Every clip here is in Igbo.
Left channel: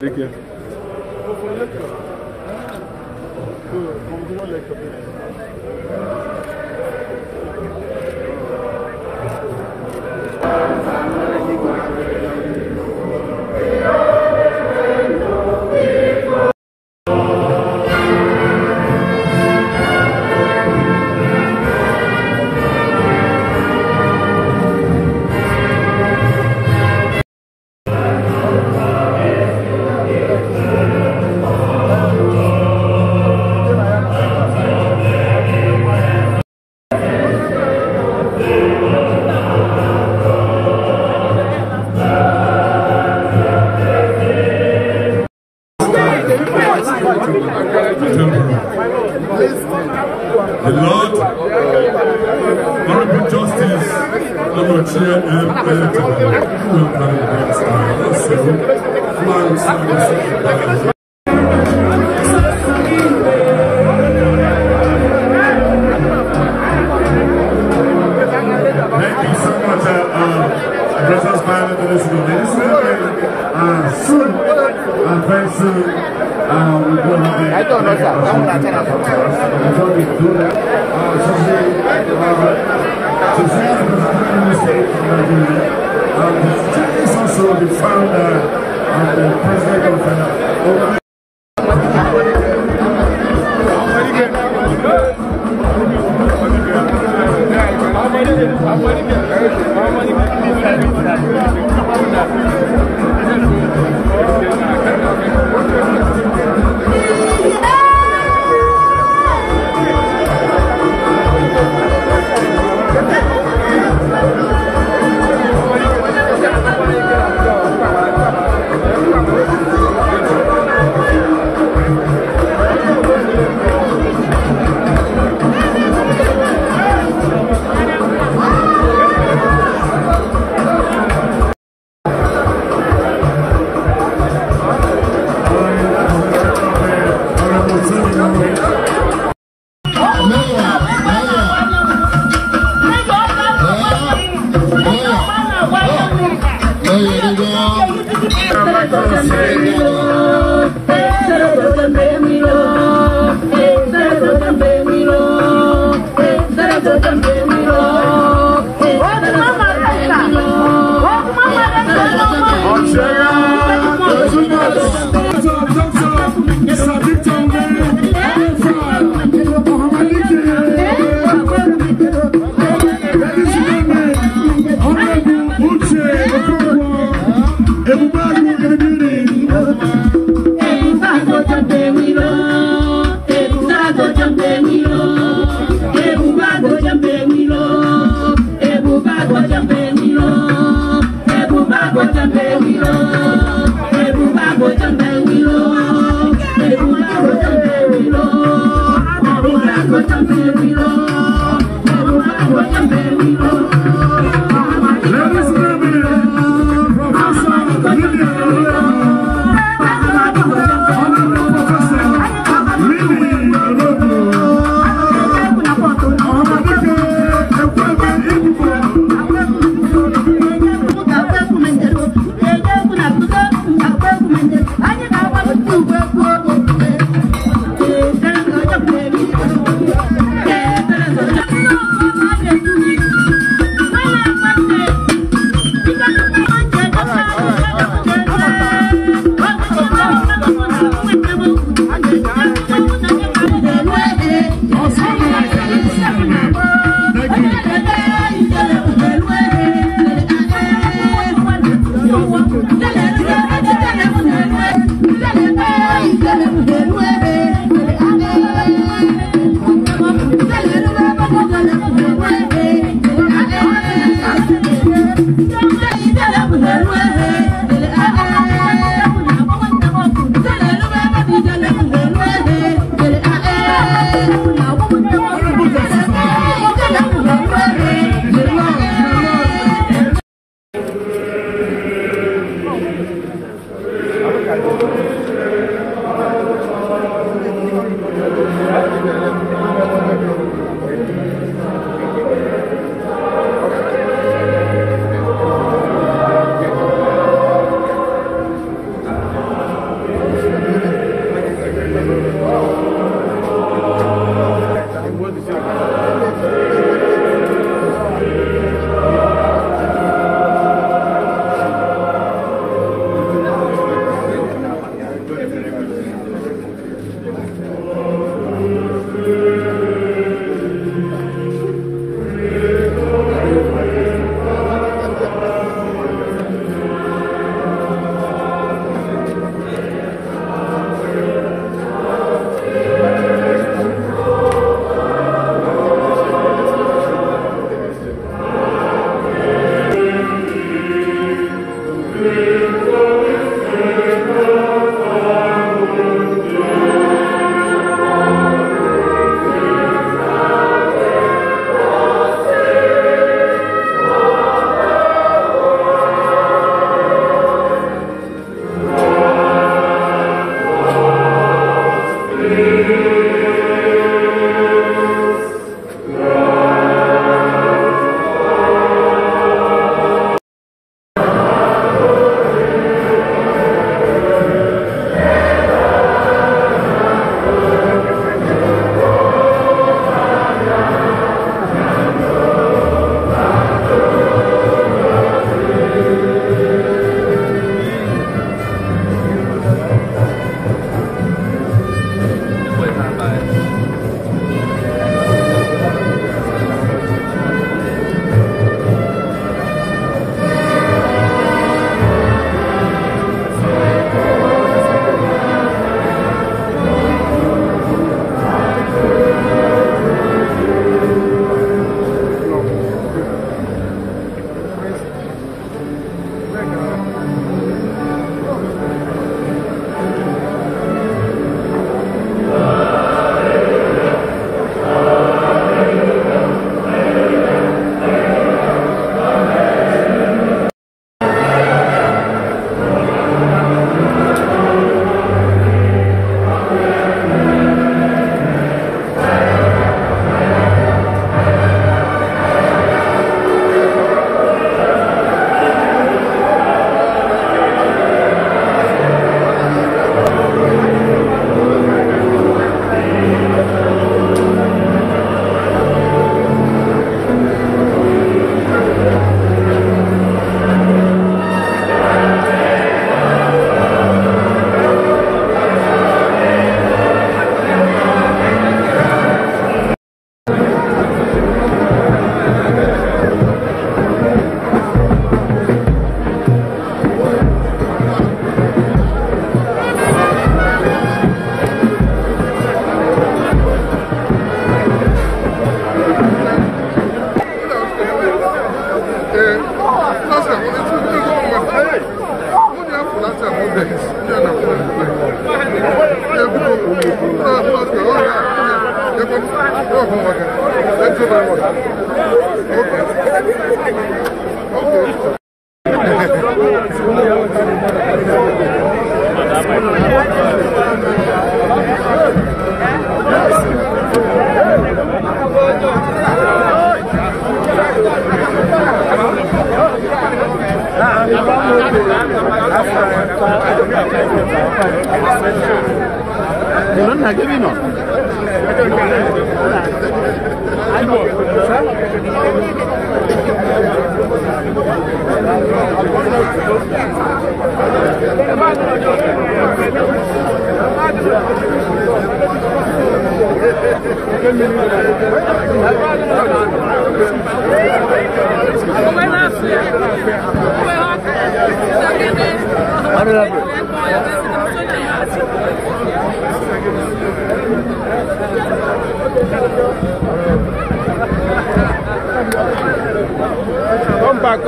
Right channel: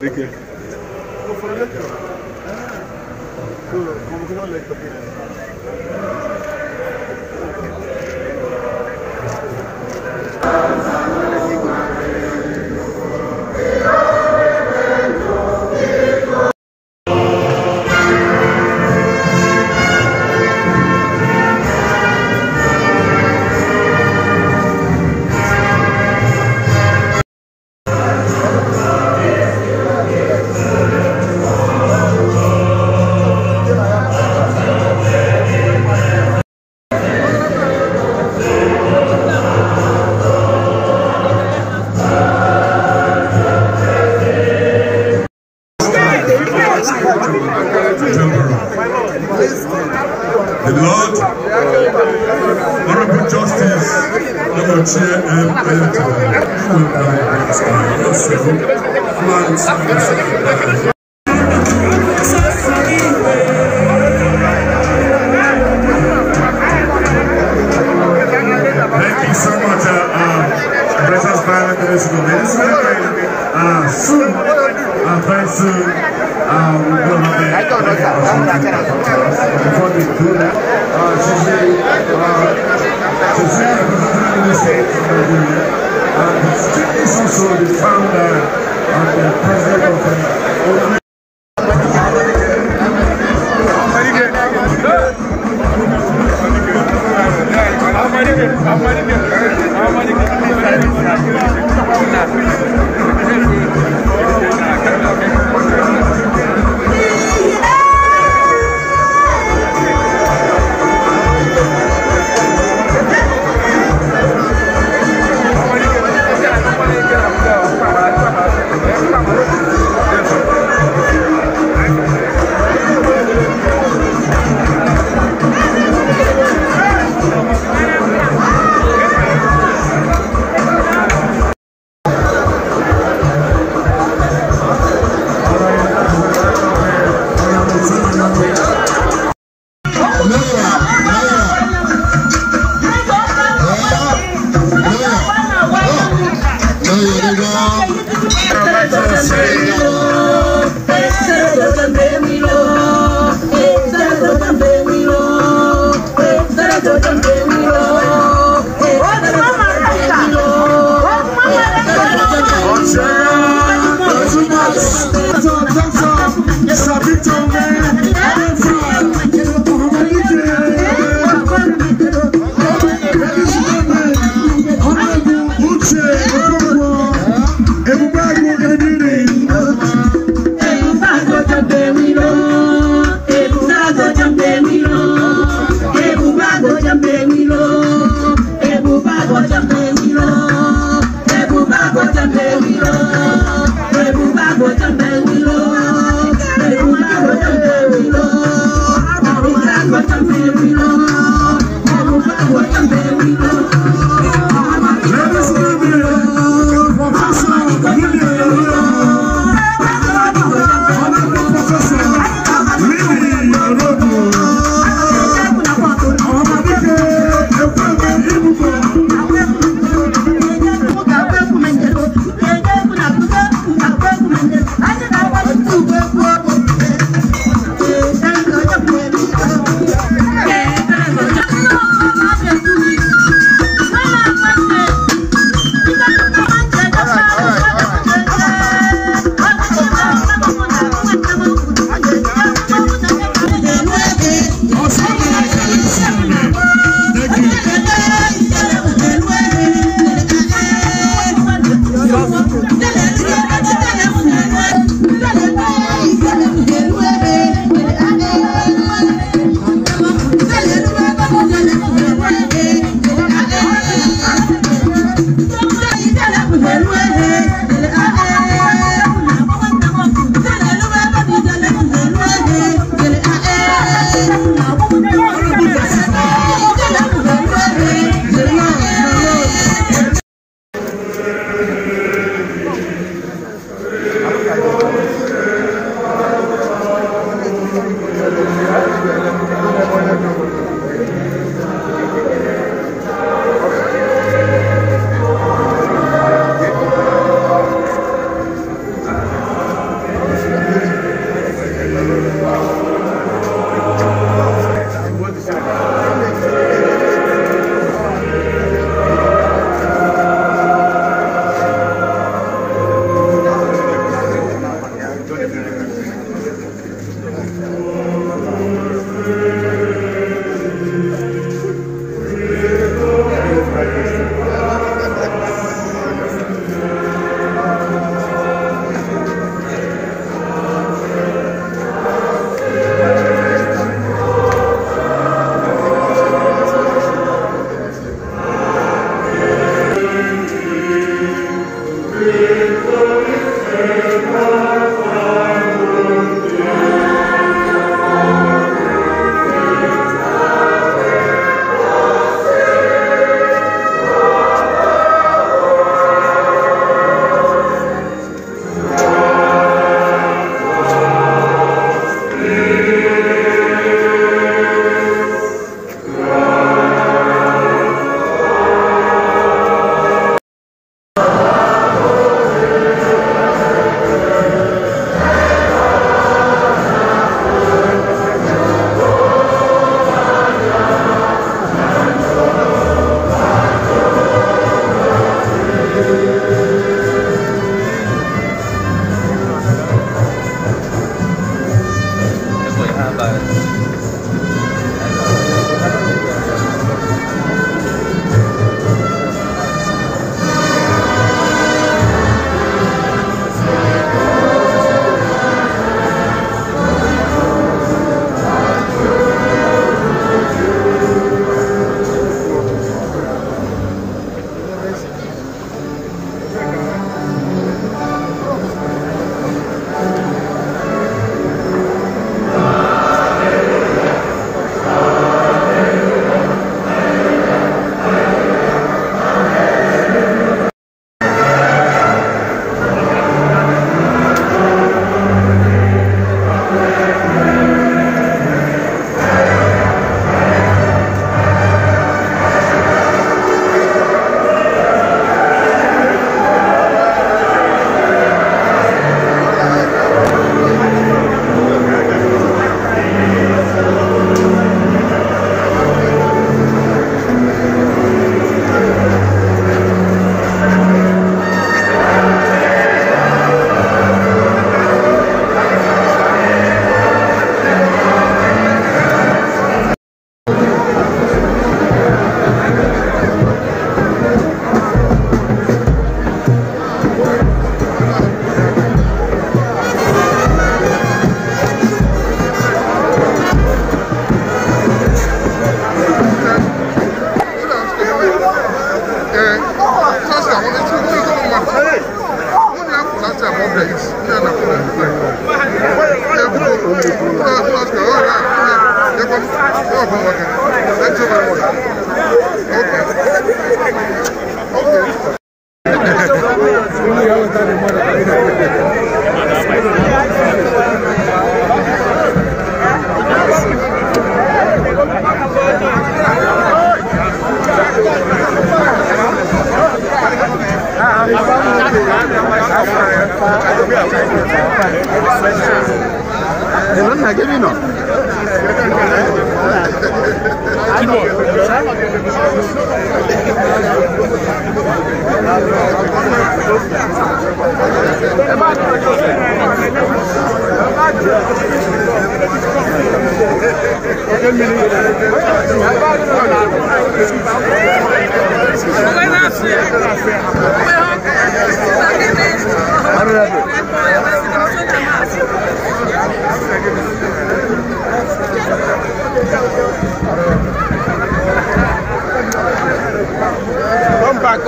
Como foi legal. Como que não é legal? The Lord, honorable justice of your chair and thank you so much, President Violet National Minister. Soon, very soon, we're going to have a before we do that, she's also the founder and the president of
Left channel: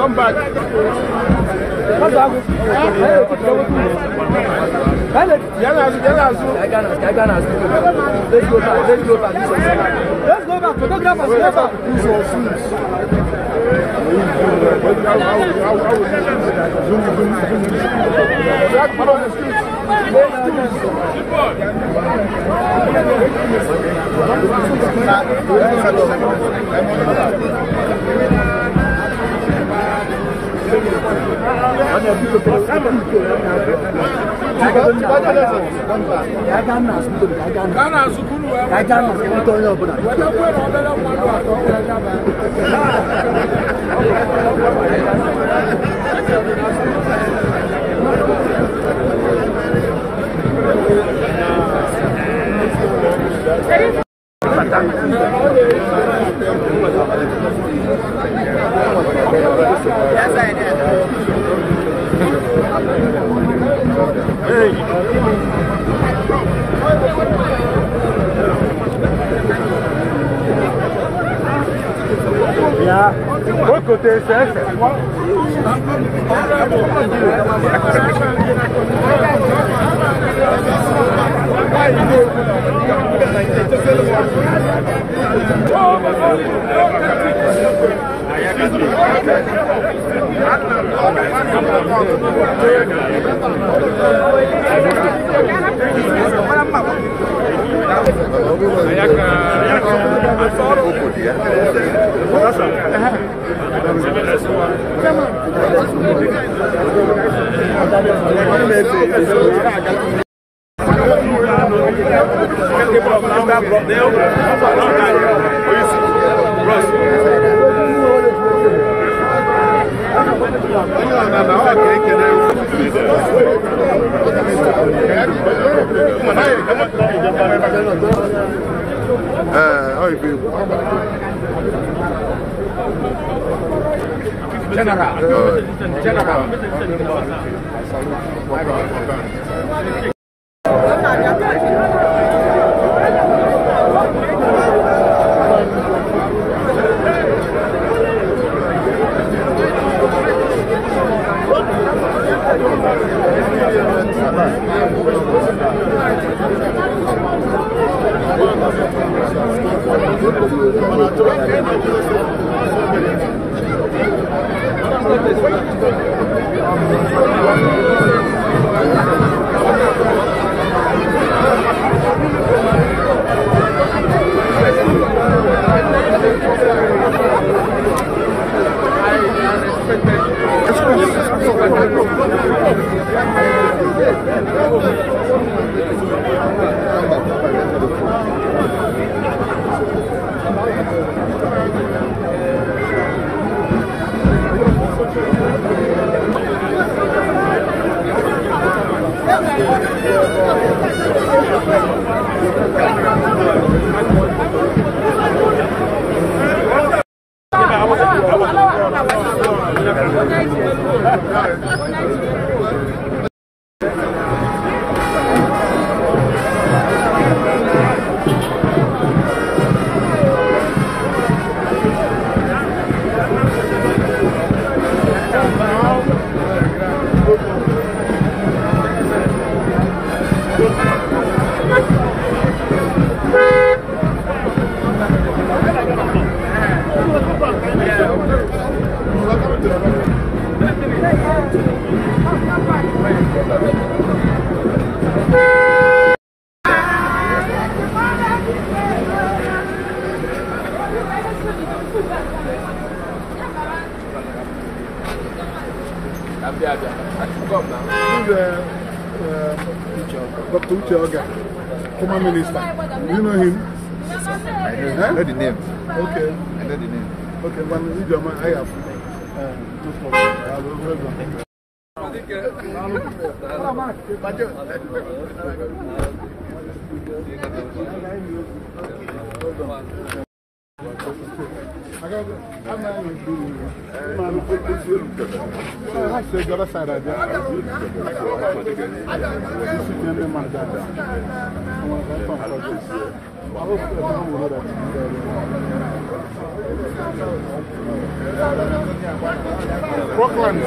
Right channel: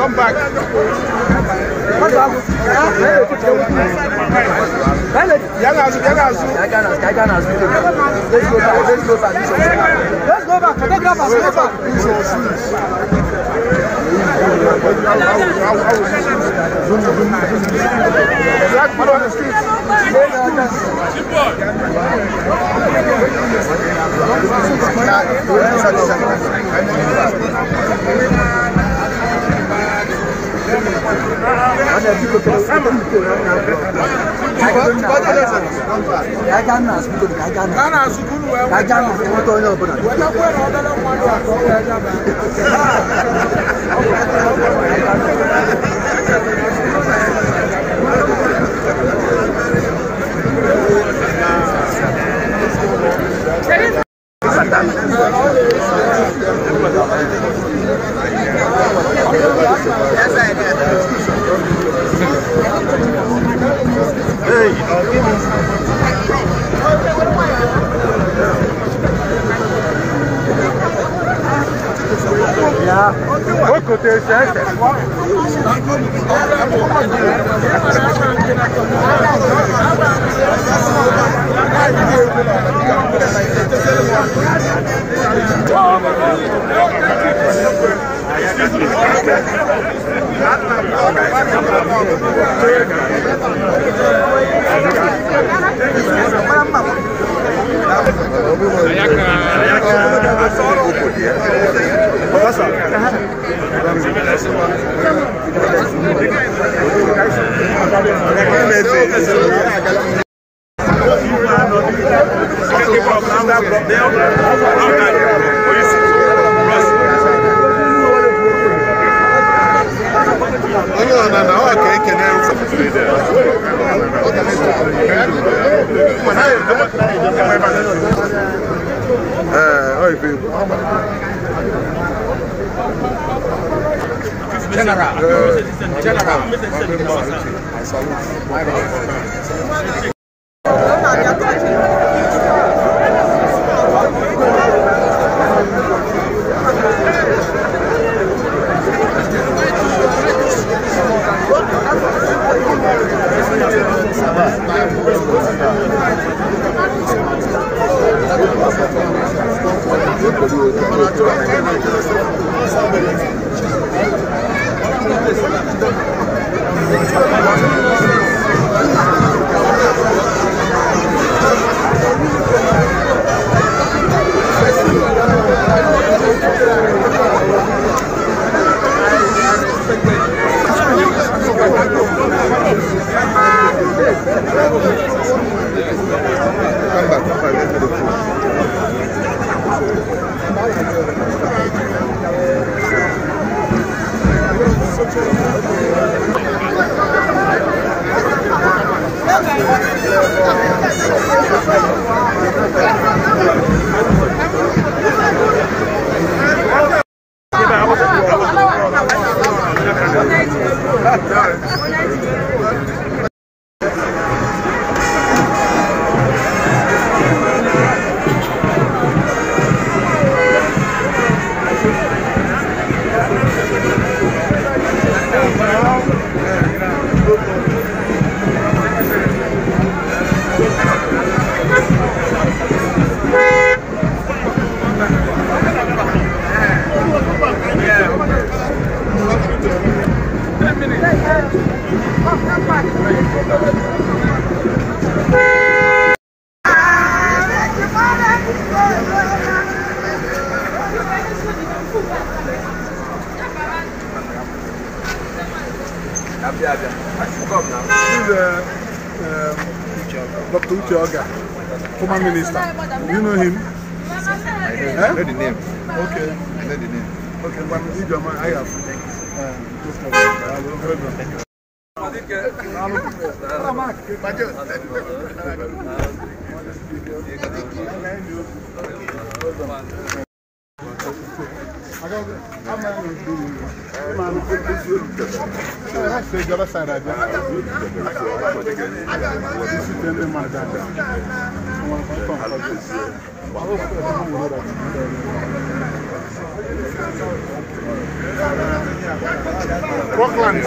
Come back. Let's go back. Photographers, go back. Black people on the street. Dr. Uche Oga, former minister. Do you know him? I know the name. Okay. I know the name. Okay, but I have. Rockland.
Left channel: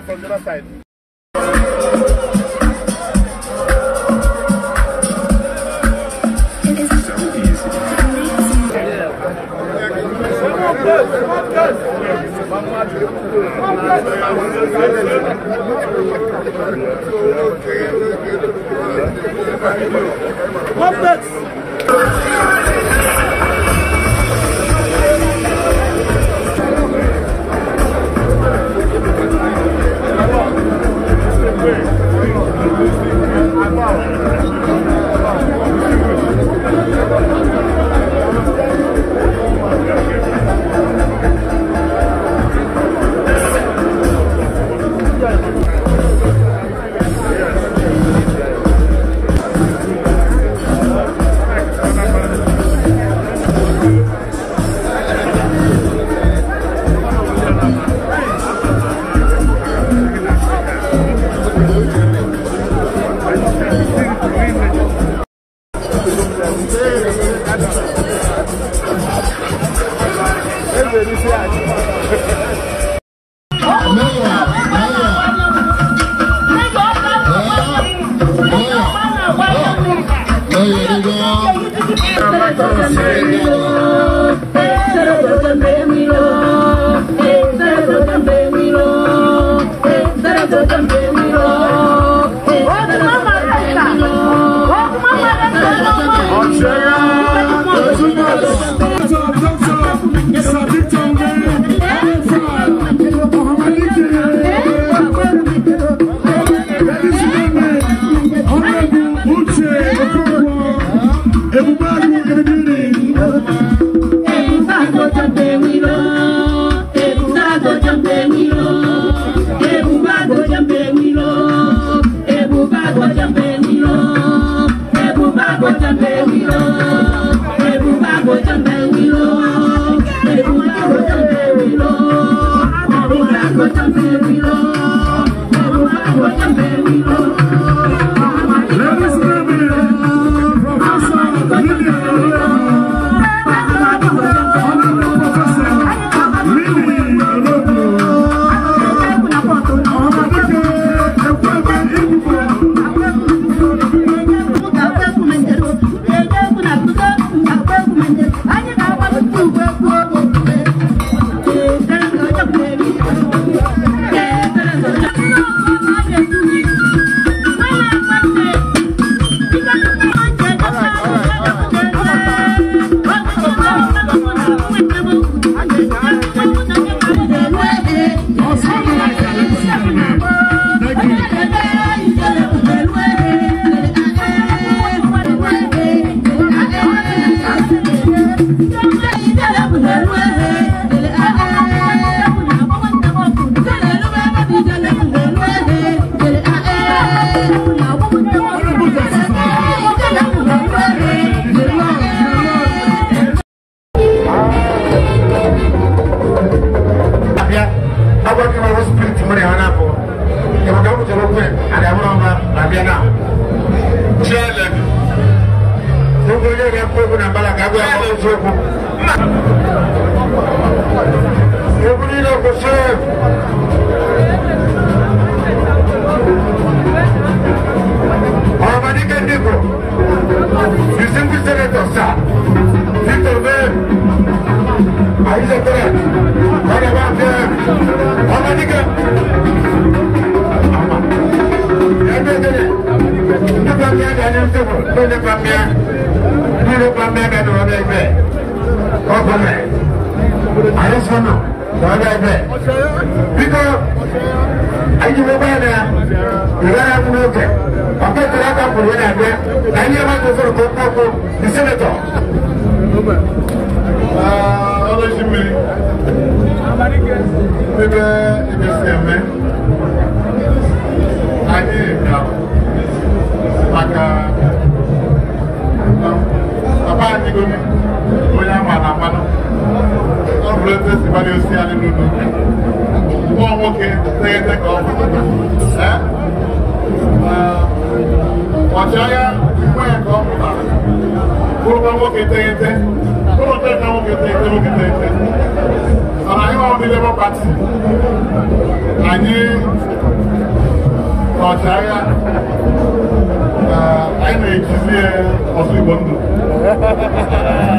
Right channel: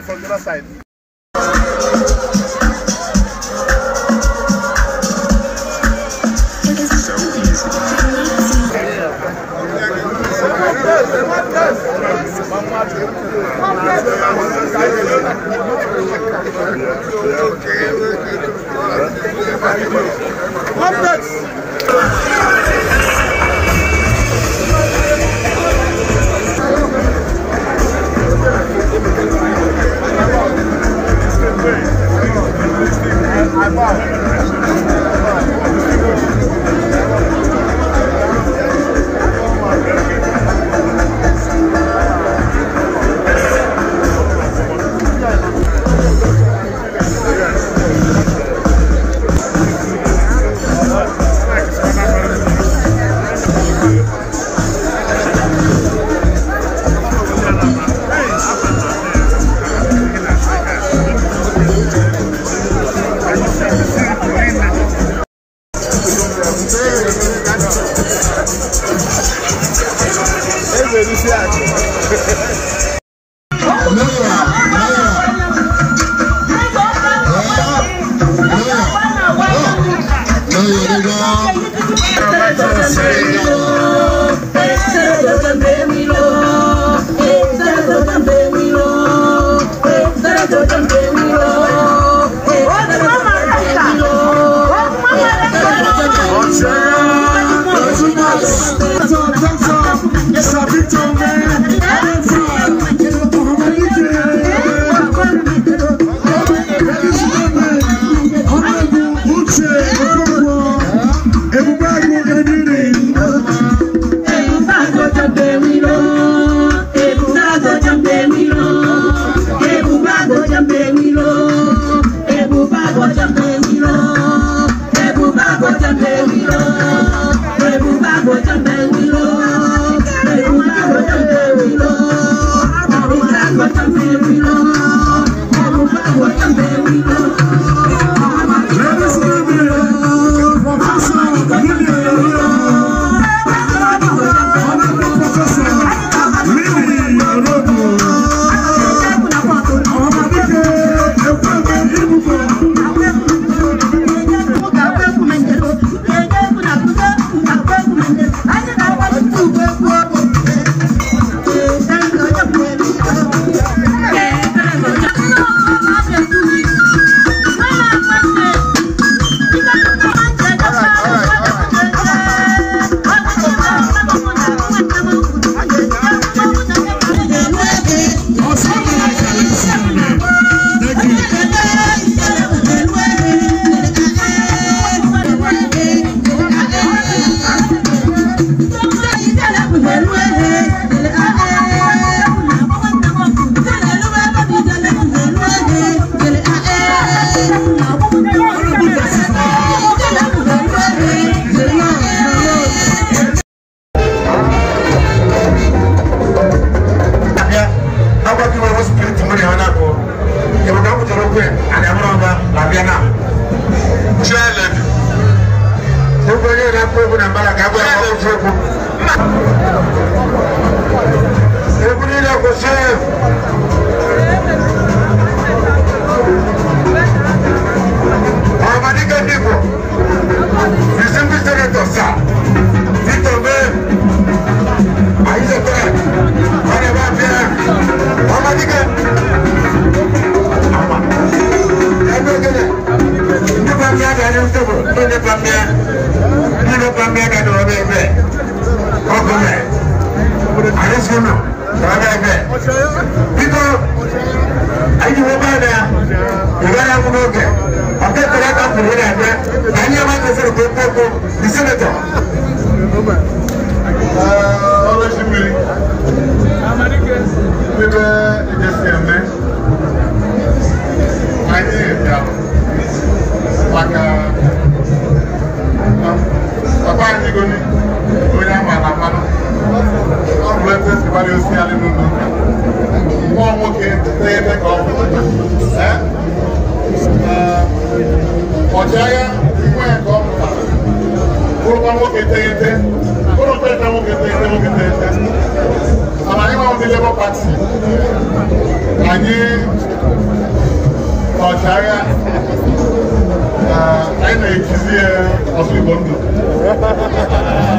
From the other side. Yes, I'm Adesono, wala ebe. Biko, ayi mo ba na? Igara mo oge. Ate talaka kuri na ebe. Ani ama ko fere ko the senator. Ọlọ shimiri. Bebe ejesi eme. Anyị bịara maka papa anyị goni onye ama na mmanụ. Ọ bụrụ ebe si gbara osi anyị n'ụlọ ụka. Nwa nwoke na-ete ka ọ bụ. Ọchịagha nwa ya ka ọ mụtara. Bụrụkwa nwoke teghete. Bụrụ teghete nwoke teghete nwoke teghete. Mana anyị nwa ndị Labour Party. Anyị ọchịagha anyị na-ejizi ọsụ Igbo ndụ.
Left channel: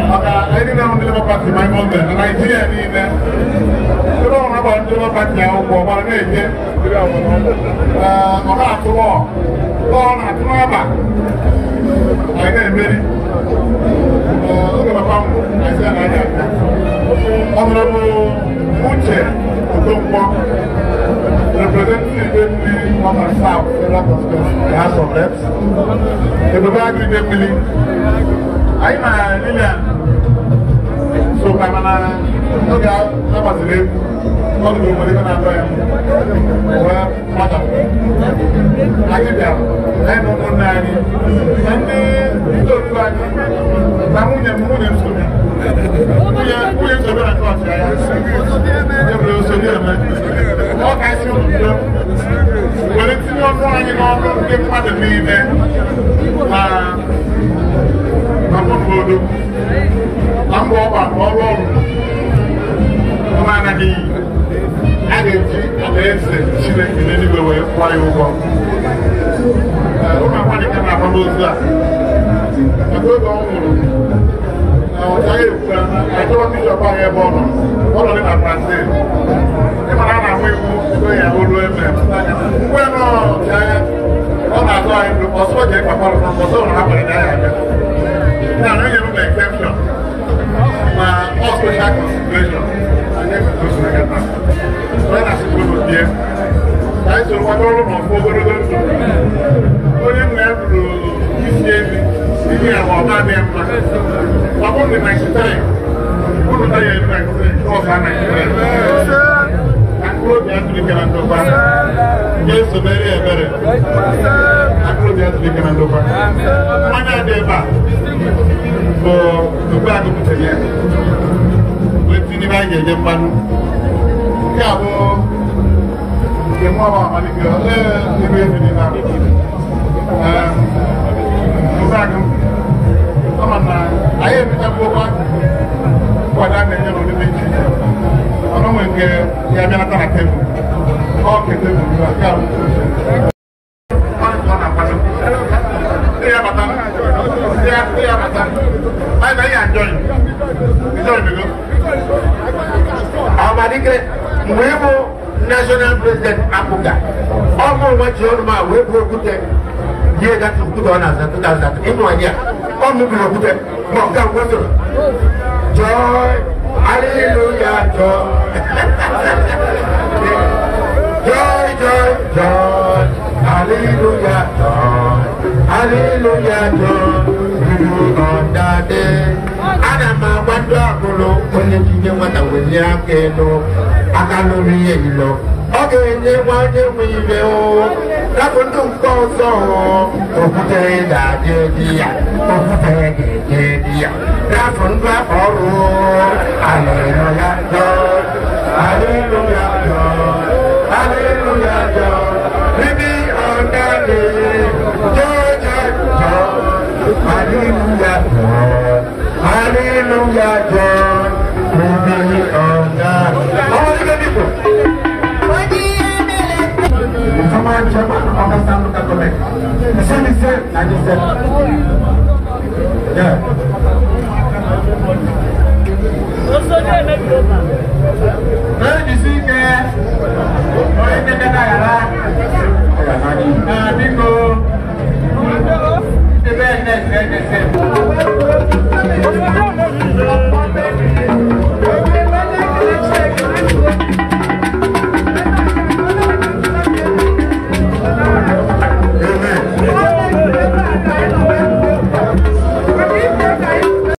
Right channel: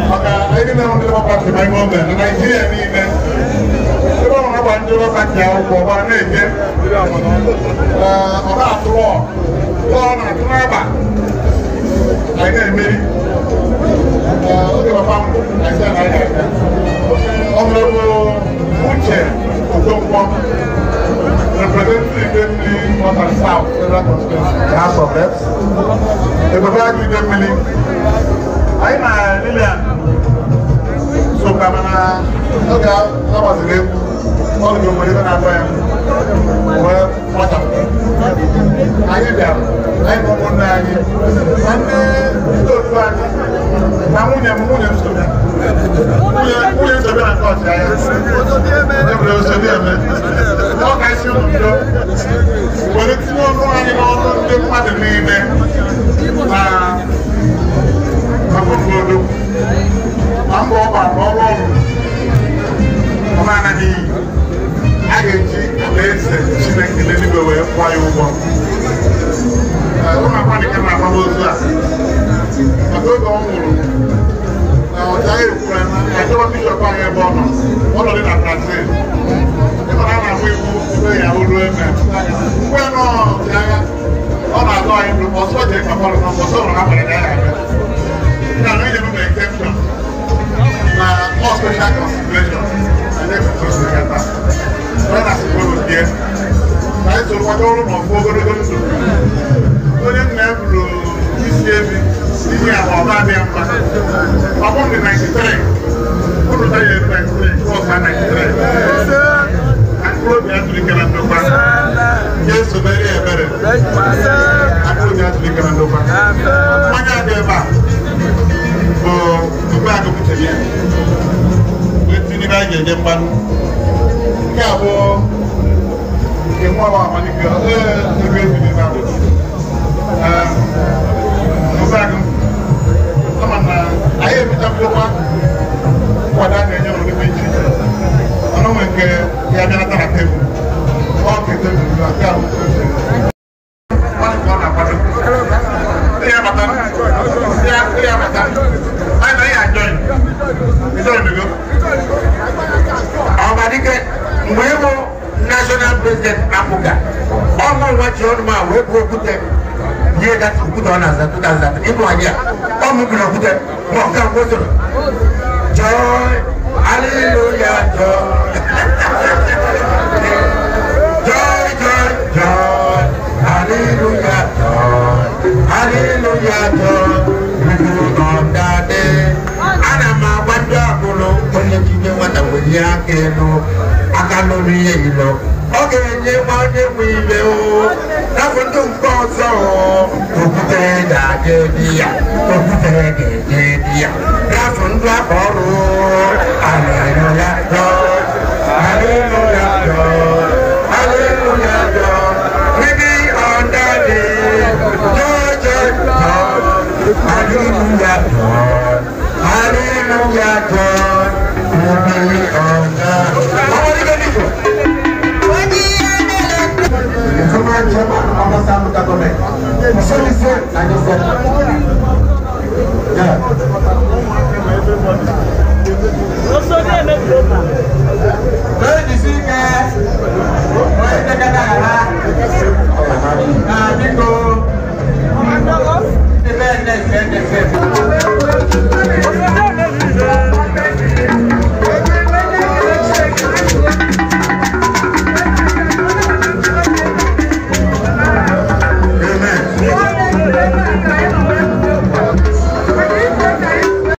Maka anyị na ndị Labour Party ma ime oge na Naịjirịa niile ebe ọ na-agba ndị Labour Party akwụkwọ gbara na-eje ọ na-atụrụ ọ na-atụ n'aba anyị na-emeri oge papa m anyị anaghị aga Honorable Uche Okonkwo representing Idemili North and South Federal Constituency, the House of Reps. Ebube Agụ Idemili. Anyị na Lilian soka mana oge agbaziri egwu ọdụ obodo ebe na-atọ ya wee kpọchapụ. Anyị bịara, anyị bụ ụmụnne anyị na ndị otu anyị na nwunye nsogbu. Nwunye nsogbu na nke ọchịagha. Ebere osodi eme. Ọ ga-esi ụjọ were tinye ọnụ anyị n'ọnụ ndị mmadụ niile na obodo na mba ọba na ọrụ ọrụ ọmana n'iyi a ga-eji alaeze Chineke n'eluigwe wee kwụọ ya ụgwọ. Ụmụ akwanyị ka na-agba n'ozu a maka oge ọ nwụrụ ọ chaghị ekwura na achọwa bishọp anyị ebe ọ nọ dị na Brazil ịmara a na-agba iwu ebe ya olu eme mgbe nọ ọchịagha ọ na-atọ anyị bụ ọsọ ji ịkpakọrọ na ọsọ ụlọ ha nwere ya aga na enye m na exemption ma ọ special consideration na anyị soro kwata ọrụ n'ọfụ ogologo ndụ onye nna ya bụrụ isi ebi ihe agba ọba adịghị mma ọ bụ ndị 93 ụlọ ta ya eru 93 ọsa 93 akpụrụ obi atụlikere ndokwa ga-esobere ebere akpụrụ obi atụlikere ndokwa mmanya dị ebe a bụ tupu agụpụtara ya wee tinye ebe anyị ga-enye mmanụ nke abụọ nke nwa bụ amalike ebe ebiri na ụzagụ ama na anyị ebichakwụkwa nkwado a na-enye n'ụdị dị iche iche ọnụ nwe nke ya bịanata na tebụl ọ ke tebụl na nke ahụ National President Apuga. All my watch on my web put them. Yeah, that's put on us and 2000. In 1 year. All moving over them. Joy. Hallelujah. Joy. Joy, joy, joy. Hallelujah. Joy. Hallelujah. Joy. We do on that day. And I'm a wonder. Only people want to win your Akalori yelo, oge nye wanye wive o, nafundu mkoso o, okute dajedia, nafundu akoro, hallelujah God, hallelujah God, hallelujah God, we be on that day, joy, hallelujah God, hallelujah God, we be on that day. The command chairman of the government,